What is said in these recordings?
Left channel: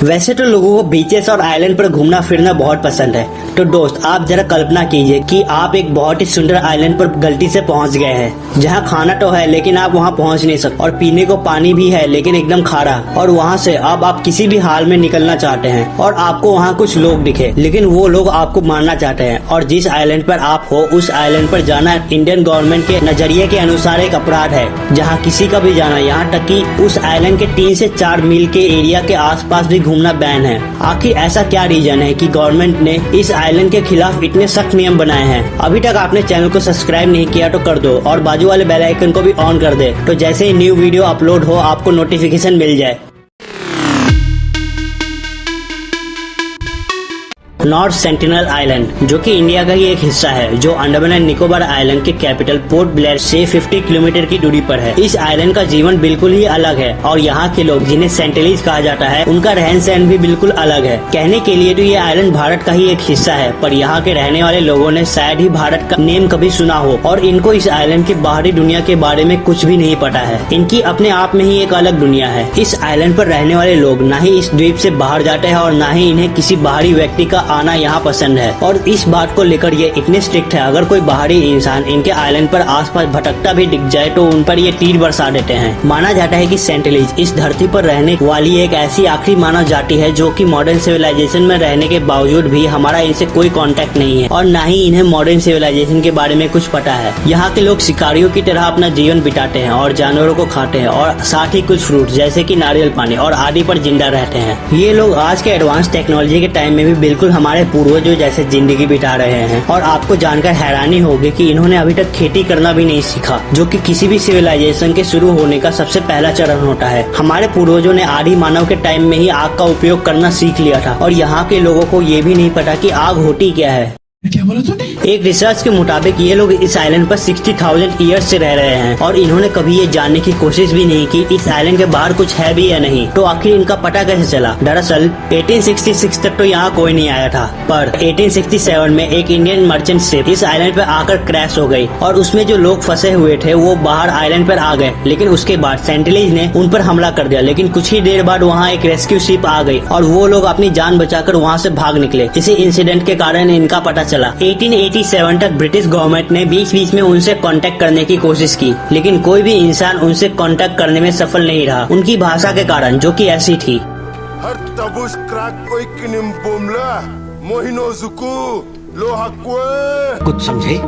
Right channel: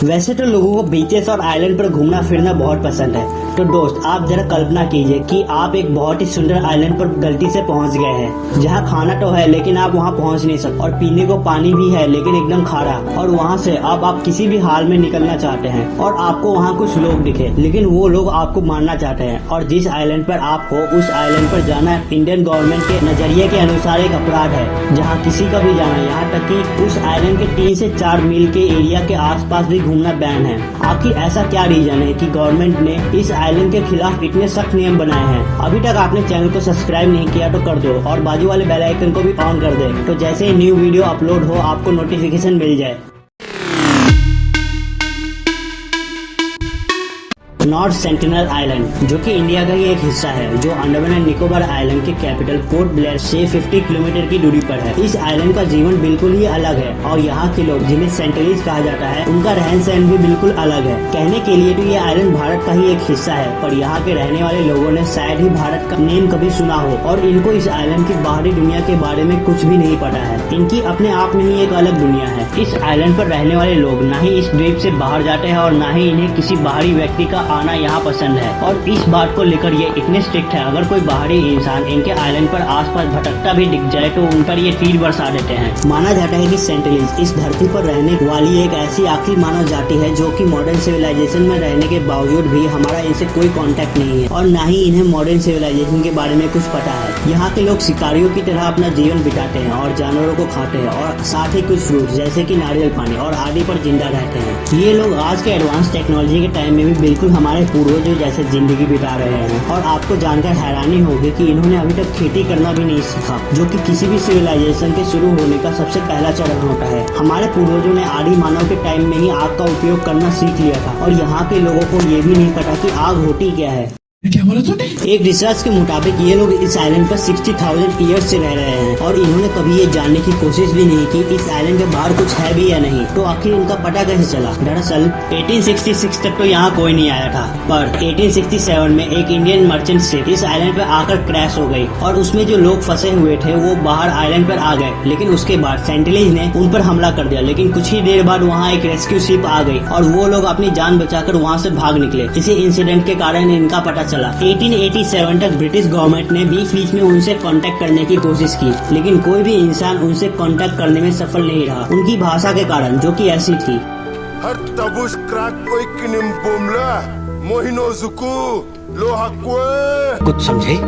वैसे तो लोगों को बीचेस और आइलैंड पर घूमना फिरना बहुत पसंद है। तो दोस्त आप जरा कल्पना कीजिए कि आप एक बहुत ही सुंदर आइलैंड पर गलती से पहुंच गए हैं, जहां खाना तो है लेकिन आप वहां पहुंच नहीं सकते, और पीने को पानी भी है लेकिन एकदम खारा, और वहां से अब आप किसी भी हाल में निकलना चाहते हैं, और आपको वहां कुछ लोग दिखे लेकिन वो लोग आपको मारना चाहते हैं, और जिस आइलैंड पर आप हो उस आइलैंड पर जाना इंडियन गवर्नमेंट के नजरिए के अनुसार एक अपराध है, जहाँ किसी का भी जाना, यहाँ तक कि उस आइलैंड के 3 से 4 मील के एरिया के आसपास भी घूमना बैन है। आखिर ऐसा क्या रीजन है कि गवर्नमेंट ने इस आइलैंड के खिलाफ इतने सख्त नियम बनाए हैं? अभी तक आपने चैनल को सब्सक्राइब नहीं किया तो कर दो, और बाजू वाले बेल आइकन को भी ऑन कर दे, तो जैसे ही न्यू वीडियो अपलोड हो आपको नोटिफिकेशन मिल जाए। नॉर्थ सेंटिनल आइलैंड, जो कि इंडिया का ही एक हिस्सा है, जो अंडमान एंड निकोबार आइलैंड के कैपिटल पोर्ट ब्लेयर से 50 किलोमीटर की दूरी पर है। इस आइलैंड का जीवन बिल्कुल ही अलग है, और यहाँ के लोग जिन्हें सेंटिलीज कहा जाता है, उनका रहन सहन भी बिल्कुल अलग है। कहने के लिए तो ये आइलैंड भारत का ही एक हिस्सा है, पर यहाँ के रहने वाले लोगों ने शायद ही भारत का नेम कभी सुना हो, और इनको इस आइलैंड की बाहरी दुनिया के बारे में कुछ भी नहीं पता है। इनकी अपने आप में ही एक अलग दुनिया है। इस आइलैंड पर रहने वाले लोग न ही इस द्वीप से बाहर जाते हैं, और न ही इन्हें किसी बाहरी व्यक्ति का आना यहाँ पसंद है, और इस बात को लेकर ये इतने स्ट्रिक्ट है, अगर कोई बाहरी इंसान इनके आइलैंड पर आसपास भटकता भी दिख जाए तो उन पर ये तीर बरसा देते हैं। माना जाता है कि सेंटिलीज इस धरती पर रहने वाली एक ऐसी आखिरी मानव जाति है जो कि मॉडर्न सिविलाइजेशन में रहने के बावजूद भी हमारा इनसे कोई कांटेक्ट नहीं है, और न ही इन्हें मॉडर्न सिविलाइजेशन के बारे में कुछ पता है। यहाँ के लोग शिकारियों की तरह अपना जीवन बिताते हैं और जानवरों को खाते हैं, और साथ ही कुछ फ्रूट जैसे कि नारियल पानी और आदि पर जिंदा रहते हैं। ये लोग आज के एडवांस टेक्नोलॉजी के टाइम में भी बिल्कुल हमारे पूर्वजों जैसे जिंदगी बिता रहे हैं, और आपको जानकर हैरानी होगी कि इन्होंने अभी तक खेती करना भी नहीं सीखा, जो कि किसी भी सिविलाइजेशन के शुरू होने का सबसे पहला चरण होता है। हमारे पूर्वजों ने आदि मानव के टाइम में ही आग का उपयोग करना सीख लिया था, और यहाँ के लोगों को ये भी नहीं पता कि आग होती क्या है। क्या बोला तूने? एक रिसर्च के मुताबिक ये लोग इस आइलैंड पर 60,000 ईयर्स से रह रहे हैं, और इन्होंने कभी ये जानने की कोशिश भी नहीं की इस आइलैंड के बाहर कुछ है भी या नहीं। तो आखिर इनका पता कैसे चला? दरअसल 1866 तक तो यहाँ कोई नहीं आया था, पर 1867 में एक इंडियन मर्चेंट शिप इस आइलैंड पर आकर क्रैश हो गई, और उसमें जो लोग फंसे हुए थे वो बाहर आइलैंड पर आ गए। लेकिन उसके बाद सेंटिलीज ने उन पर हमला कर दिया, लेकिन कुछ ही देर बाद वहाँ एक रेस्क्यू शिप आ गई, और वो लोग अपनी जान बचाकर वहाँ से भाग निकले। इसी इंसिडेंट के कारण इनका पता चला। 1887 तक ब्रिटिश गवर्नमेंट ने बीच में उनसे कांटेक्ट करने की कोशिश की, लेकिन कोई भी इंसान उनसे कांटेक्ट करने में सफल नहीं रहा, उनकी भाषा के कारण, जो कि ऐसी थी। हर तबुश क्रैक कोई किनिम बुमला मोहिनो जुकू लोहाक्वे। कुछ समझे?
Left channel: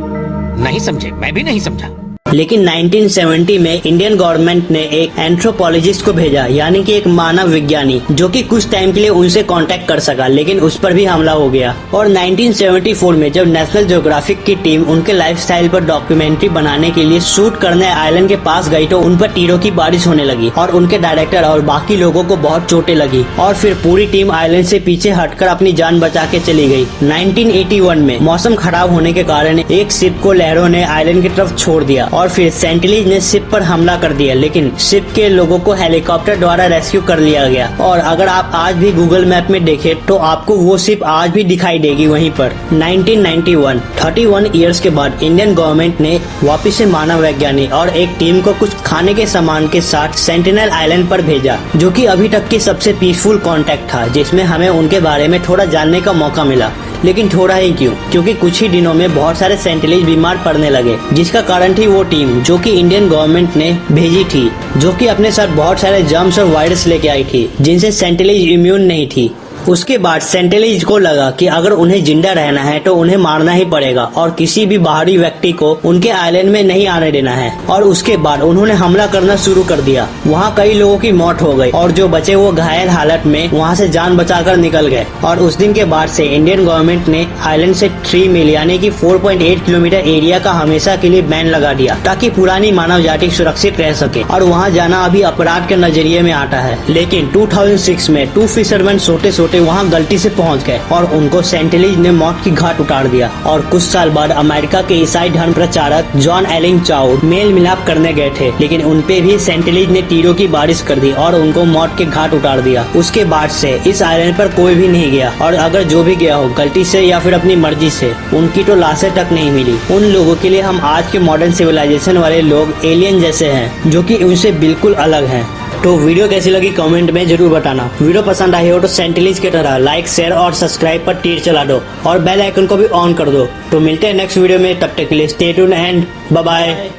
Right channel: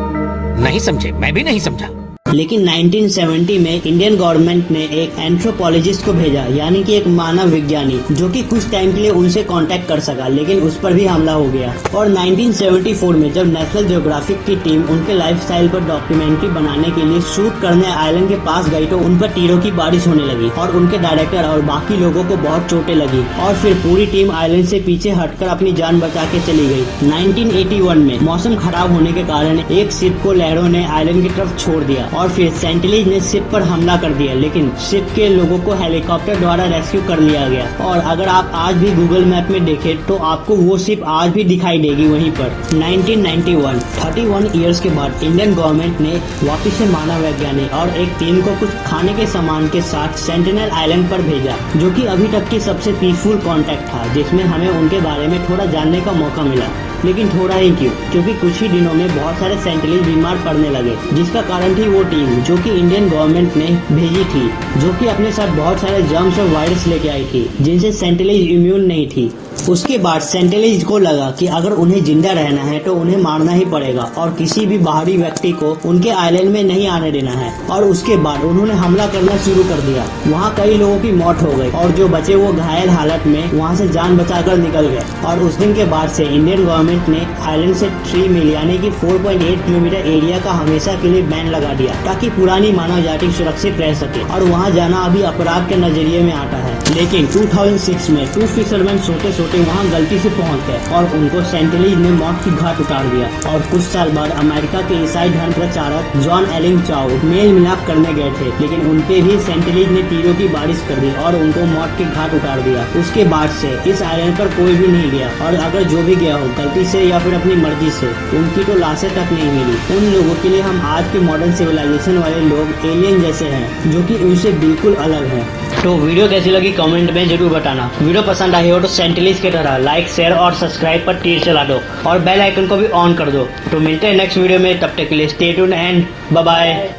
नहीं समझे, मैं भी नहीं समझा। लेकिन 1970 में इंडियन गवर्नमेंट ने एक एंथ्रोपोलॉजिस्ट को भेजा, यानी कि एक मानव विज्ञानी, जो कि कुछ टाइम के लिए उनसे कांटेक्ट कर सका, लेकिन उस पर भी हमला हो गया। और 1974 में जब नेशनल ज्योग्राफिक की टीम उनके लाइफस्टाइल पर डॉक्यूमेंट्री बनाने के लिए शूट करने आइलैंड के पास गई, तो उन पर तीरों की बारिश होने लगी, और उनके डायरेक्टर और बाकी लोगों को बहुत चोटें लगी, और फिर पूरी टीम आइलैंड से पीछे हटकर अपनी जान बचा के चली गई। 1981 में मौसम खराब होने के कारण एक शिप को लहरों ने आइलैंड की तरफ छोड़ दिया, और फिर सेंटिलीज ने शिप पर हमला कर दिया, लेकिन शिप के लोगों को हेलीकॉप्टर द्वारा रेस्क्यू कर लिया गया। और अगर आप आज भी गूगल मैप में देखें तो आपको वो शिप आज भी दिखाई देगी वहीं पर। 1991 31 इयर्स के बाद इंडियन गवर्नमेंट ने वापिस से मानव वैज्ञानिक और एक टीम को कुछ खाने के सामान के साथ सेंटिनल आइलैंड पर भेजा, जो कि अभी तक की सबसे पीसफुल कांटेक्ट था, जिसमें हमें उनके बारे में थोड़ा जानने का मौका मिला। लेकिन थोड़ा ही क्यों, क्योंकि कुछ ही दिनों में बहुत सारे सेंटिलीज बीमार पड़ने लगे, जिसका कारण थी वो टीम जो कि इंडियन गवर्नमेंट ने भेजी थी, जो कि अपने साथ बहुत सारे जर्म्स और वायरस लेके आई थी, जिनसे सेंटिलीज इम्यून नहीं थी। उसके बाद सेंटिलीज को लगा कि अगर उन्हें जिंदा रहना है तो उन्हें मारना ही पड़ेगा, और किसी भी बाहरी व्यक्ति को उनके आइलैंड में नहीं आने देना है। और उसके बाद उन्होंने हमला करना शुरू कर दिया। वहाँ कई लोगों की मौत हो गई, और जो बचे वो घायल हालत में वहाँ से जान बचाकर निकल गए। और उस दिन के बाद से इंडियन गवर्नमेंट ने आइलैंड से 3 मील यानी कि 4.8 किलोमीटर एरिया का हमेशा के लिए बैन लगा दिया, ताकि पुरानी मानव जाति सुरक्षित रह सके, और वहाँ जाना अभी अपराध के नजरिए में आता है। लेकिन 2006 में 2 फिशरमैन सोते होते वहाँ गलती से पहुँच गए और उनको सेंटिलीज ने मौत की घाट उतार दिया। और कुछ साल बाद अमेरिका के ईसाई धर्म प्रचारक जॉन एलिंग चाउ मेल मिलाप करने गए थे, लेकिन उनपे भी सेंटिलीज ने तीरों की बारिश कर दी और उनको मौत के घाट उतार दिया। उसके बाद से इस आइलैंड पर कोई भी नहीं गया, और अगर जो भी गया हो गलती से या फिर अपनी मर्जी से, उनकी तो लाशें तक नहीं मिली। उन लोगों के लिए हम आज के मॉडर्न सिविलाइजेशन वाले लोग एलियन जैसे हैं, जो कि उनसे बिल्कुल अलग हैं। तो वीडियो कैसी लगी कमेंट में जरूर बताना। वीडियो पसंद आई हो तो सेंटिलीज की तरह लाइक, शेयर और सब्सक्राइब पर तीर चला दो और बेल आइकन को भी ऑन कर दो। तो मिलते हैं नेक्स्ट वीडियो में, तब तक के लिए stay tuned and bye bye.